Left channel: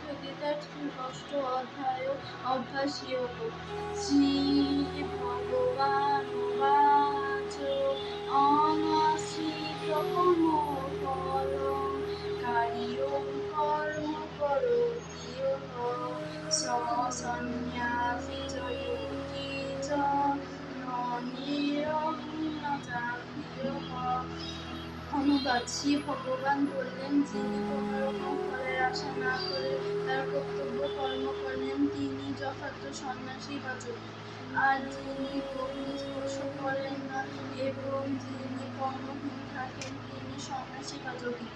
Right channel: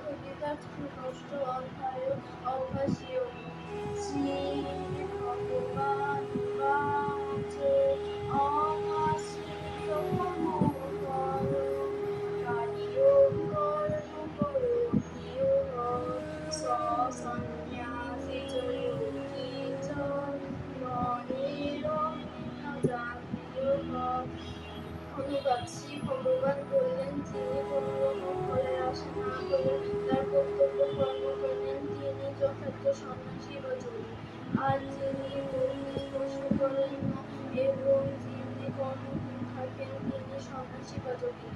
থেকে তার ষষ্ঠ অধ্যায় অভ্যাসী শ্রী ভগবান বাচ অনাশ্রিত কার্য কর্ম করো সন্ন্যাসী যোগী চ অনুবাদ শ্রী ভগবান বললেন যিনি আশা না করে তার কর্তব্য কর্ম করলেন তিনি যথার্থ সন্ন্যাসী বা যোগী। আর তিনি স্পর্শ করেন না, এবং যিনি কর্মহীন থাকেন, তিনি সন্ন্যাসী বা যোগী।